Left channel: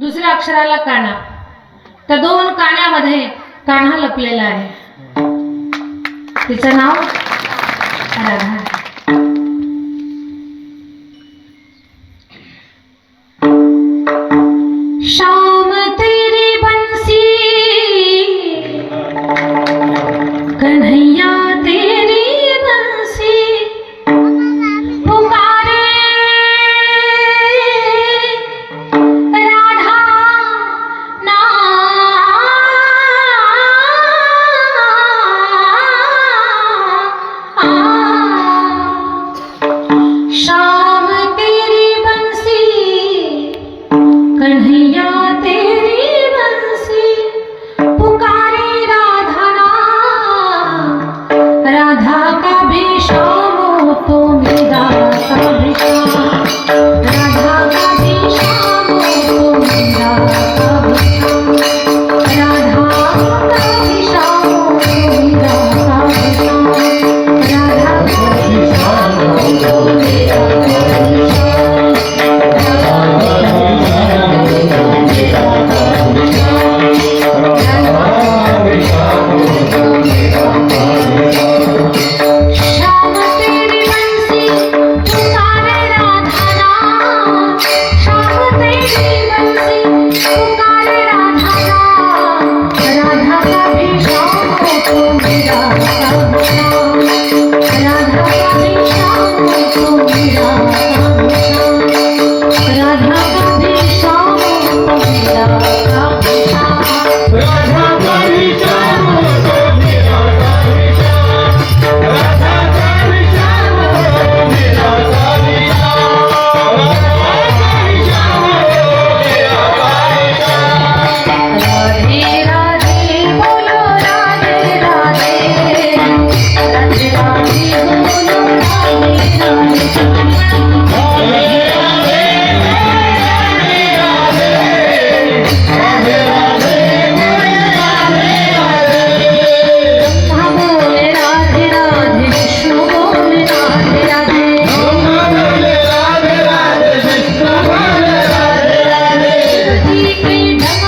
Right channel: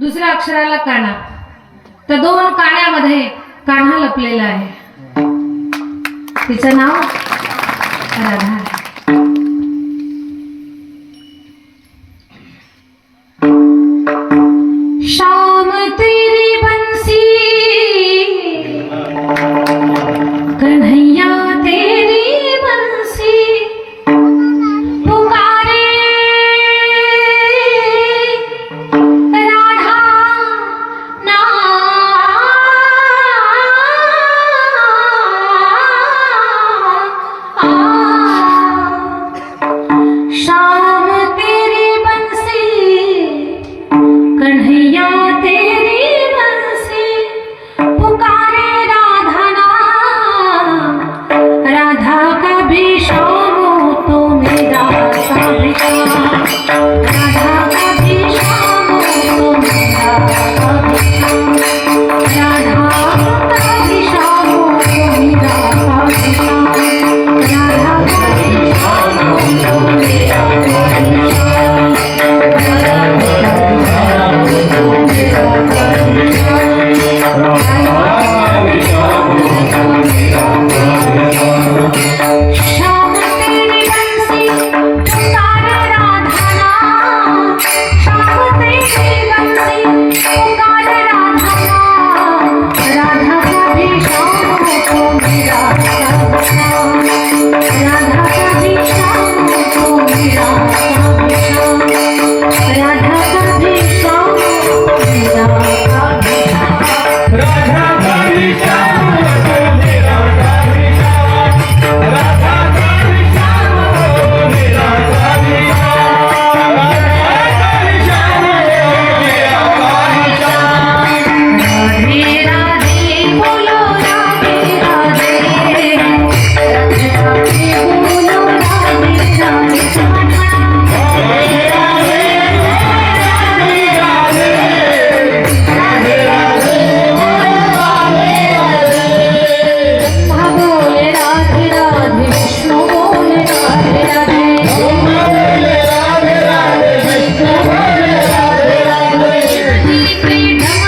दुसऱ्या अक्षराला काना, त्या दोन काण्यामध्ये कान्हा लपलेला आहे. तिचं नाव राधा. शाम तेरी बंसी कन्हैया तेरी बंसी पुकारे राधा ना. शाम तेरी बंसी कन्हैया तेरी बंसी पुकारे राधा ना. राधा का भी शाम हो तो मेरा का भी शाम. राधा का भी शाम हो तो मेरा का भी शाम. राधा का भी शाम हो तो मेरा का भी शाम. राधा का भी शाम हो तो मेरा का भी शाम. Thank you.